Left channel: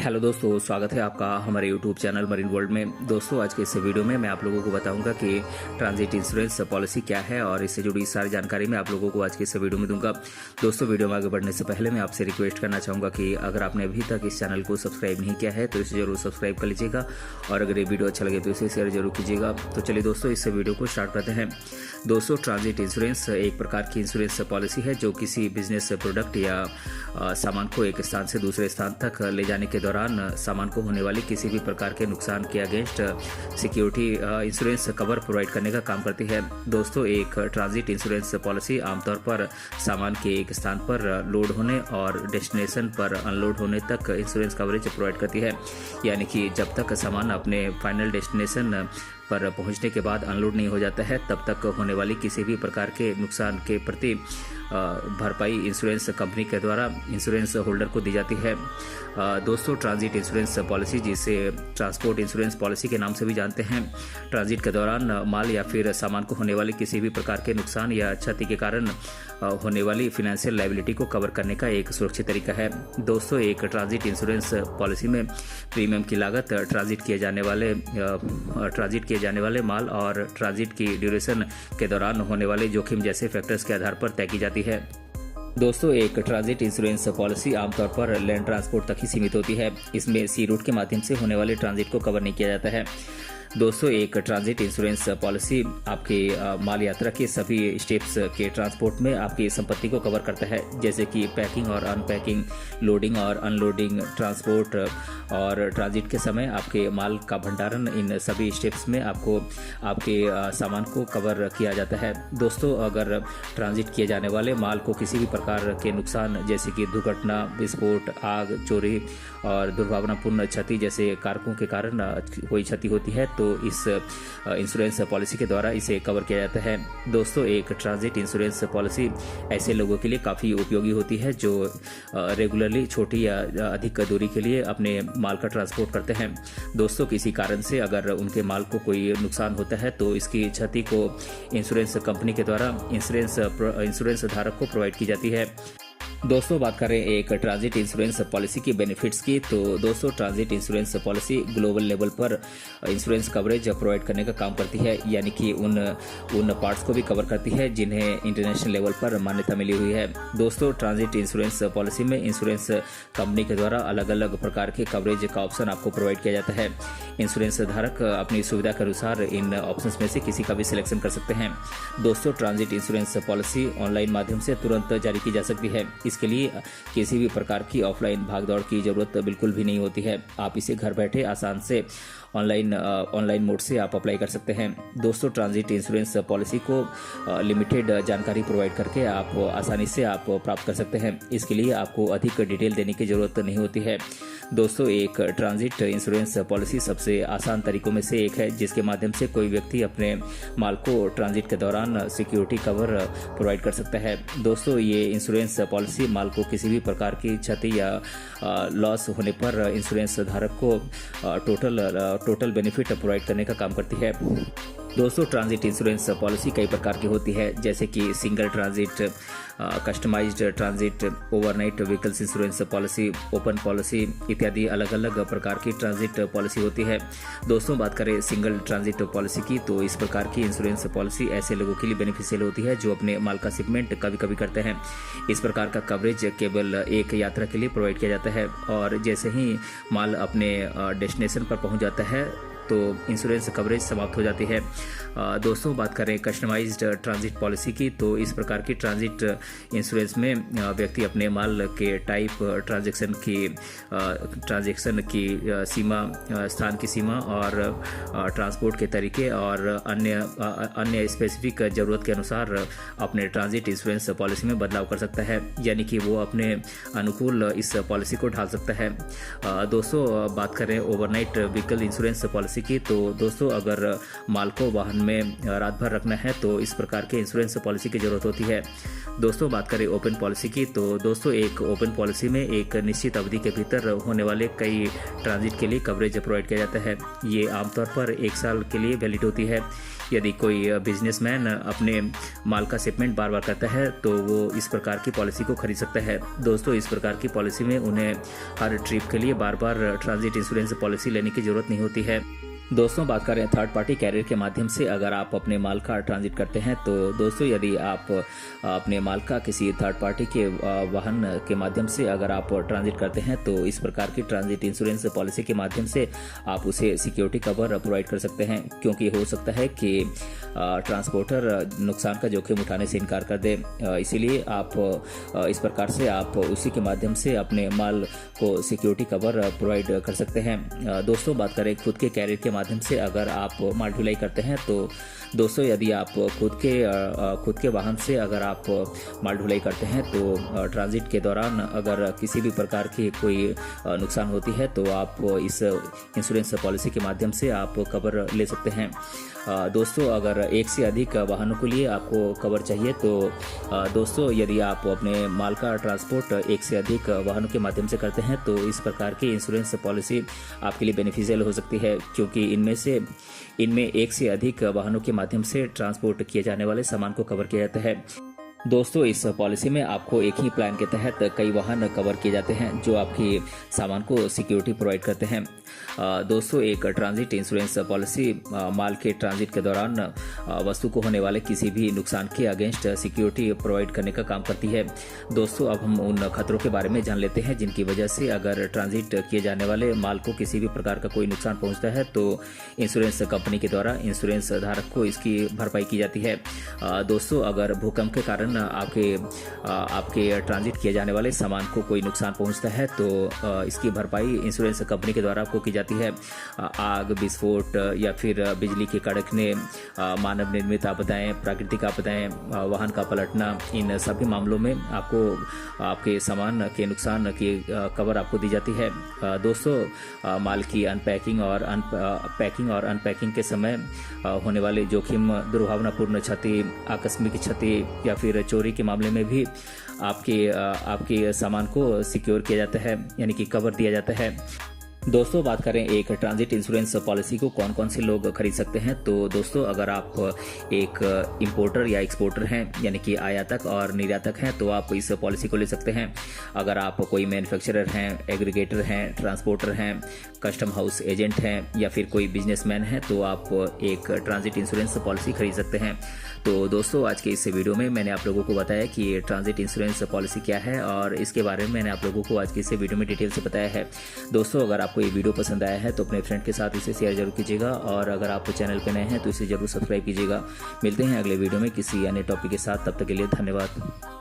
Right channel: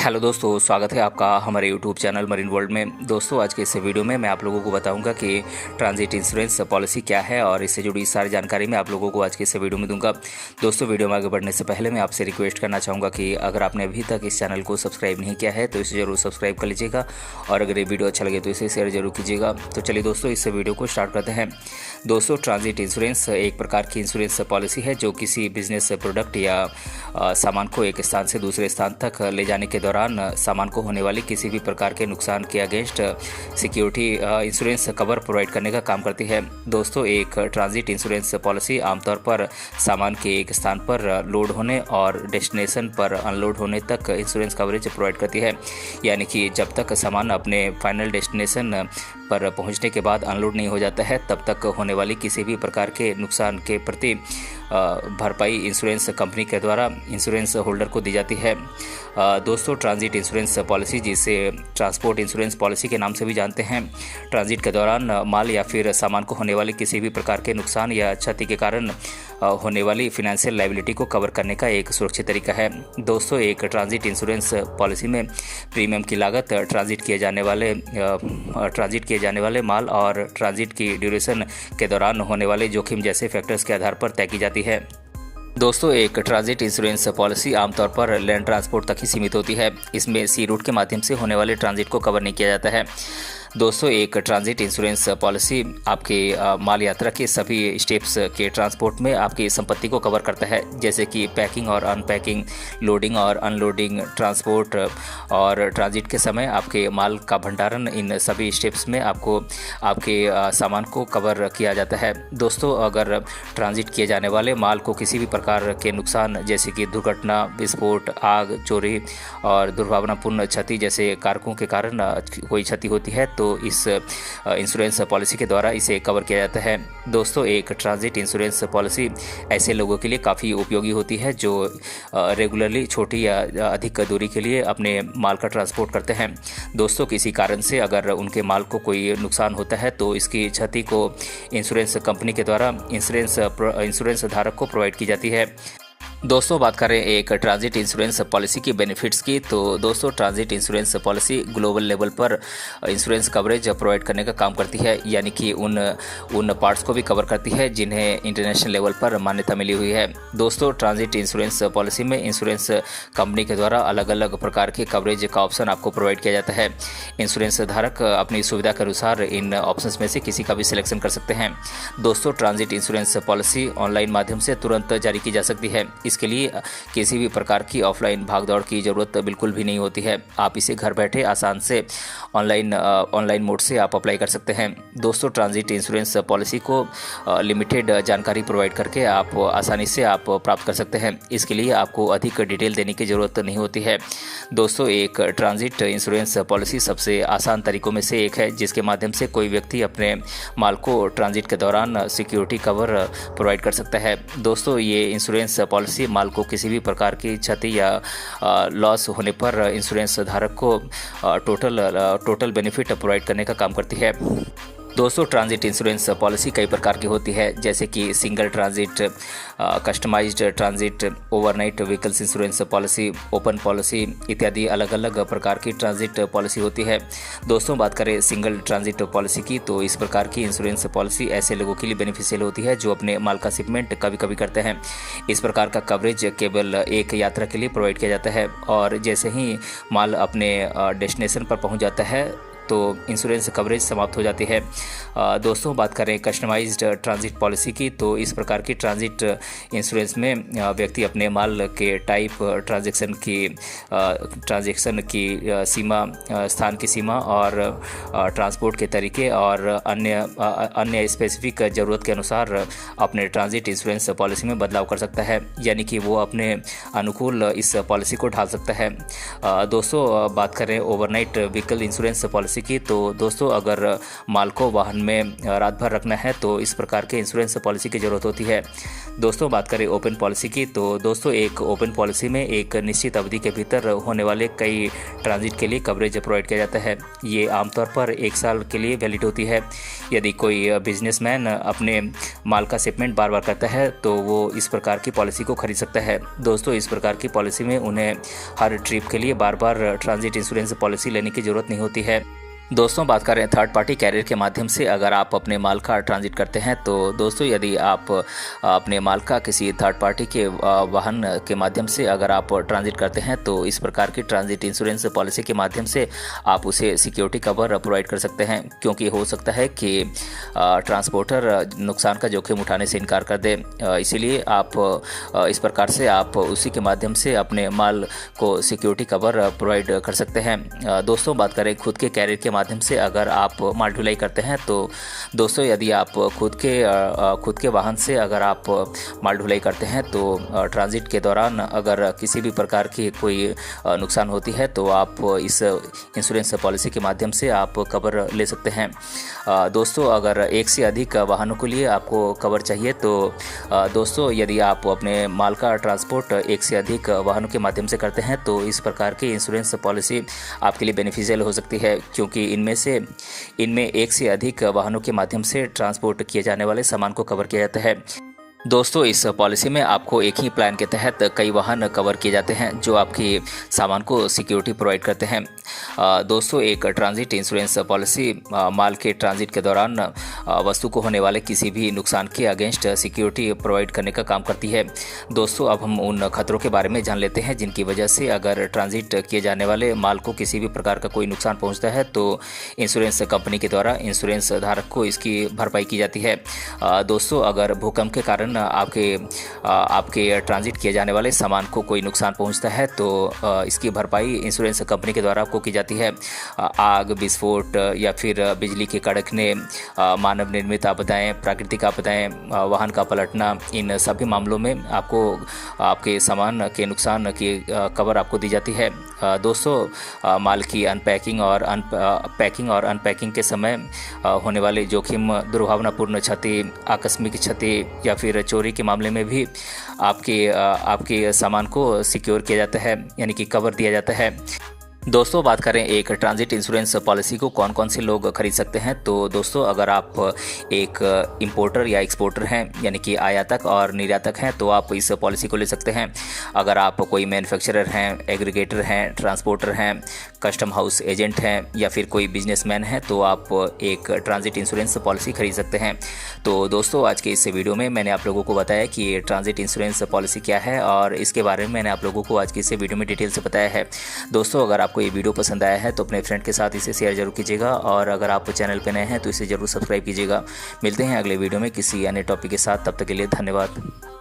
Hello दोस्तों, स्वागत है आपका हमारे यूट्यूब चैनल मरीन वर्ल्ड में। दोस्तों, आज के इस वीडियो में मैं आप लोगों को बताऊंगा कि ट्रांजिट इंश्योरेंस पॉलिसी क्या है और इससे जुड़ी सारी जानकारी मैं आप लोगों को आज के इस वीडियो में दूंगा। दोस्तों, वीडियो में आगे बढ़ने से पहले मैं आपसे रिक्वेस्ट करना चाहूँगा कि अगर आपने अभी तक इस चैनल को सब्सक्राइब नहीं किया है तो इसे जरूर सब्सक्राइब कर लीजिएगा और अगर ये वीडियो अच्छा लगे तो इसे शेयर जरूर कीजिएगा। तो चलिए दोस्तों, इस वीडियो को स्टार्ट करते हैं। दोस्तों, ट्रांजिट इंश्योरेंस एक प्रकार की इंश्योरेंस पॉलिसी है जो किसी बिजनेस प्रोडक्ट या सामान को एक स्थान से दूसरे स्थान तक ले जाने के दौरान सामान को होने वाली किसी भी प्रकार के नुकसान के against security insurance cover provide करने का काम करती है। दोस्तों, एक ट्रांजिट इंश्योरेंस पॉलिसी आमतौर पर सामान के एक स्थान पर लोड होने और डेस्टिनेशन पर अनलोड होने तक इंश्योरेंस कवरेज प्रोवाइड करती है। यानी कि जब तक सामान अपने फाइनल डेस्टिनेशन पर पहुंचने के बाद अनलोड नहीं हो जाता है तब तक होने वाली किसी भी प्रकार के नुकसान के प्रति भरपाई इंश्योरेंस कंपनी के द्वारा इंश्योरेंस होल्डर को दी जाती है। दोस्तों, ट्रांजिट इंश्योरेंस पॉलिसी, जिसे ट्रांसपोर्ट इंश्योरेंस पॉलिसी के नाम से भी जानते हैं, ट्रांजिट के दौरान माल या फिर सामान को होने वाले किसी भी प्रकार के नुकसान या क्षति के कारण होने वाली फाइनेंशियल लायबिलिटी को कवर करने का एक सुरक्षित तरीका है। दोस्तों, एक ट्रांजिट इंश्योरेंस पॉलिसी में प्रीमियम की लागत ट्रांजिट किए जाने वाले माल और ट्रांजिट की ड्यूरेशन के दौरान होने वाले जोखिम जैसे फैक्टर्स के आधार पर तय की जाती है। दोस्तों, एक ट्रांजिट इंश्योरेंस पॉलिसी आमतौर पर लैंड ट्रांसपोर्ट तक ही सीमित होती है। इसमें सी रूट के माध्यम से होने वाले ट्रांजिट को कवर नहीं किया जाता है। दोस्तों, एक ट्रांजिट इंश्योरेंस पॉलिसी आपके माल यात्रा के सभी स्टेप्स के ट्रांसपोर्ट में आपकी संपत्ति को कवर करता है, जैसे कि पैकिंग और अनपैकिंग, लोडिंग और अनलोडिंग, ट्रांसपोर्ट और ट्रांजिट के समय आपके माल का भंडारण। इन सभी स्टेप्स में आपको आपके सामान को कवर किया जाता है। दोस्तों, अगर ट्रांजिट किए जाने वाले माल को किसी भी प्रकार के नुकसान जैसे कि दुर्घटना, विस्फोट, आग, चोरी और दुर्भावनापूर्ण क्षति जैसे कारकों के कारण कोई क्षति होती है तो इस इंश्योरेंस पॉलिसी के द्वारा इसे कवर किया जाता है। दोस्तों, एक ट्रांजिट इंश्योरेंस पॉलिसी ऐसे लोगों के लिए काफ़ी उपयोगी होती है जो रेगुलरली छोटी या अधिक दूरी के लिए अपने माल का ट्रांसपोर्ट करते हैं। दोस्तों, किसी कारण से अगर उनके माल को कोई नुकसान होता है तो इसकी क्षति को इंश्योरेंस कंपनी के द्वारा इंश्योरेंस धारक को प्रोवाइड की जाती है। दोस्तों, बात करें एक transit insurance policy key benefits की, तो दोस्तों transit insurance policy global level पर इंश्योरेंस कवरेज प्रोवाइड करने का काम करती है, यानी कि उन पार्ट्स को भी कवर करती है जिन्हें इंटरनेशनल लेवल पर मान्यता मिली हुई है। दोस्तों, ट्रांजिट इंश्योरेंस पॉलिसी में इंश्योरेंस कंपनी के द्वारा अलग अलग प्रकार के कवरेज का ऑप्शन आपको प्रोवाइड किया जाता है। इंश्योरेंस धारक अपनी सुविधा के अनुसार इन ऑप्शंस में से किसी का भी सिलेक्शन कर सकते हैं। दोस्तों, ट्रांजिट इंश्योरेंस पॉलिसी ऑनलाइन माध्यम से तुरंत जारी की जा सकती है। इसके लिए किसी भी प्रकार की ऑफलाइन भागदौड़ की ज़रूरत बिल्कुल भी नहीं होती है। आप इसे घर बैठे आसान से ऑनलाइन मोड से आप अप्लाई कर सकते हैं। दोस्तों, ट्रांजिट इंश्योरेंस पॉलिसी को लिमिटेड जानकारी प्रोवाइड करके आप आसानी से आप प्राप्त कर सकते हैं। इसके लिए आपको अधिक डिटेल देने की ज़रूरत नहीं होती है। दोस्तों, एक ट्रांजिट इंश्योरेंस पॉलिसी सबसे आसान तरीकों में से एक है जिसके माध्यम से कोई व्यक्ति अपने माल को ट्रांजिट के दौरान सिक्योरिटी कवर प्रोवाइड कर सकता है। दोस्तों, ये इंश्योरेंस पॉलिसी माल को किसी भी प्रकार की क्षति या लॉस होने पर इंश्योरेंस धारक को टोटल बेनिफिट प्रोवाइड करने का काम करती है। दोस्तों, ट्रांजिट इंश्योरेंस पॉलिसी कई प्रकार की होती है, जैसे कि single transit, customized transit, overnight vehicles insurance policy, open policy इत्यादि अलग अलग प्रकार की ट्रांजिट पॉलिसी होती है। दोस्तों, बात करें सिंगल ट्रांजिट पॉलिसी की, तो इस प्रकार की इंश्योरेंस पॉलिसी ऐसे लोगों के लिए बेनिफिशियल होती है जो अपने माल का शिपमेंट कभी कभी करते हैं। इस प्रकार का कवरेज केवल एक यात्रा के लिए प्रोवाइड किया जाता है और जैसे ही माल अपने डेस्टिनेशन पर पहुंच जाता है तो इंश्योरेंस कवरेज समाप्त हो जाती है। दोस्तों, बात करें कस्टमाइज्ड ट्रांजिट पॉलिसी की, तो इस प्रकार की ट्रांजिट इंश्योरेंस में व्यक्ति अपने माल के टाइप, ट्रांजैक्शन की सीमा, स्थान की सीमा और ट्रांसपोर्ट के तरीके और अन्य स्पेसिफिक ज़रूरत के अनुसार अपने ट्रांजिट इंश्योरेंस पॉलिसी में बदलाव कर सकता है, यानी कि वो अपने अनुकूल इस पॉलिसी को ढाल सकता है। दोस्तों, बात करें ओवरनाइट व्हीकल इंश्योरेंस पॉलिसी की, तो दोस्तों अगर माल को वाहन में रात भर रखना है तो इस प्रकार के इंश्योरेंस पॉलिसी की ज़रूरत होती है। दोस्तों बात करें ओपन पॉलिसी की, तो दोस्तों एक ओपन पॉलिसी में एक निश्चित अवधि के भीतर होने वाले कई ट्रांजिट के लिए कवरेज प्रोवाइड किया जाता है। ये आमतौर पर 1 साल के लिए वैलिड होती है। यदि कोई बिजनेसमैन अपने माल का शिपमेंट बार बार करता है तो वो इस प्रकार की पॉलिसी को खरीद सकता है। दोस्तों इस प्रकार की पॉलिसी में उन्हें हर ट्रिप के लिए बार बार ट्रांजिट इंश्योरेंस पॉलिसी लेने की ज़रूरत नहीं होती है। दोस्तों बात करें थर्ड पार्टी कैरियर के माध्यम से अगर आप अपने माल का ट्रांजिट करते हैं, तो दोस्तों यदि आप अपने माल का किसी थर्ड पार्टी के वाहन के माध्यम से अगर आप ट्रांजिट करते हैं तो इस प्रकार की ट्रांजिट इंश्योरेंस पॉलिसी के माध्यम से आप उसे सिक्योरिटी कवर प्रोवाइड कर सकते हैं, क्योंकि हो सकता है कि ट्रांसपोर्टर नुकसान का जोखिम उठाने से इनकार कर दे। इसीलिए आप इस प्रकार से आप उसी के माध्यम से अपने माल को सिक्योरिटी कवर प्रोवाइड कर सकते हैं। दोस्तों बात करें खुद के कैरियर के माध्यम से अगर आप माल ढुलाई करते हैं, तो दोस्तों यदि आप खुद के वाहन से अगर आप माल ढुलाई करते हैं तो ट्रांजिट के दौरान अगर किसी भी प्रकार की कोई नुकसान होती है तो आप इस इंश्योरेंस पॉलिसी के माध्यम से आप कवर ले सकते हैं। दोस्तों अगर एक से अधिक वाहनों के लिए आपको कवर चाहिए तो दोस्तों यदि आप अपने माल का ट्रांसपोर्ट एक से अधिक वाहनों के माध्यम से करते हैं तो इस प्रकार की इंश्योरेंस पॉलिसी आपके लिए बेनिफिशियल हो सकती है, क्योंकि इनमें एक से अधिक वाहनों के माध्यम से ट्रांसपोर्ट किए जाने वाले सामान को कवर किया जाता है। दोस्तों इस पॉलिसी में आपको एक ही प्लान के तहत कई वाहन कवर किए जाते हैं जो आपके सामान को सिक्योरिटी प्रोवाइड करते हैं। दोस्तों एक ट्रांजिट इंश्योरेंस पॉलिसी माल के ट्रांजिट के दौरान वस्तु को होने वाले किसी भी नुकसान के अगेंस्ट सिक्योरिटी प्रोवाइड करने का काम करती है। दोस्तों अब हम उन खतरों के बारे में जान लेते हैं जिनकी वजह से अगर ट्रांजिट किए जाने वाले माल को किसी भी प्रकार का कोई नुकसान पहुंचता है तो इंश्योरेंस कंपनी के द्वारा इंश्योरेंस धारक को इसकी भरपाई की जाती है। दोस्तों अगर भूकंप के कारण आपके ट्रांजिट किए जाने वाले सामान को कोई नुकसान पहुंचता है तो इसकी भरपाई इंश्योरेंस कंपनी के द्वारा आपको की जाती है। आग, विस्फोट या फिर बिजली के कड़कने, मानव निर्मित आपदाएं, प्राकृतिक आपदाएं, वाहन का पलटना, इन सभी मामलों में आपको आपके सामान के नुकसान की कवर आपको दी जाती है। दोस्तों माल की पैकिंग और अनपैकिंग के समय होने वाले जोखिम, दुर्भावनापूर्ण क्षति, आकस्मिक क्षति या फिर चोरी के मामले में भी आपके सामान को सिक्योर किया जाता है, यानी कि कवर दिया जाता है। दोस्तों बात करें एक ट्रांजिट इंश्योरेंस पॉलिसी को कौन कौन से लोग खरीद सकते हैं, तो दोस्तों अगर आप एक इंपोर्टर या एक्सपोर्टर हैं, यानी कि आयातक और निर्यातक हैं, तो आप इस पॉलिसी को ले सकते हैं। अगर आप कोई मैन्युफैक्चरर हैं, एग्रीगेटर हैं, ट्रांसपोर्टर हैं, कस्टम हाउस एजेंट हैं या फिर कोई बिजनेसमैन है तो आप एक ट्रांजिट इंश्योरेंस पॉलिसी खरीद सकते हैं। तो दोस्तों आज के इस वीडियो में मैंने आप लोगों को बताया कि ये ट्रांजिट इंश्योरेंस पॉलिसी क्या है और इसके बारे में मैंने आप लोगों को आज के इस वीडियो में डिटेल से बताया है। दोस्तों अगर आपको ये वीडियो पसंद आया है तो अपने फ्रेंड के साथ इसे शेयर जरूर कीजिएगा और अगर आप चैनल पर नए हैं तो इसे जरूर सब्सक्राइब कीजिएगा। मिलते हैं अगले वीडियो में किसी अन्य टॉपिक के साथ, तब तक के लिए धन्यवाद।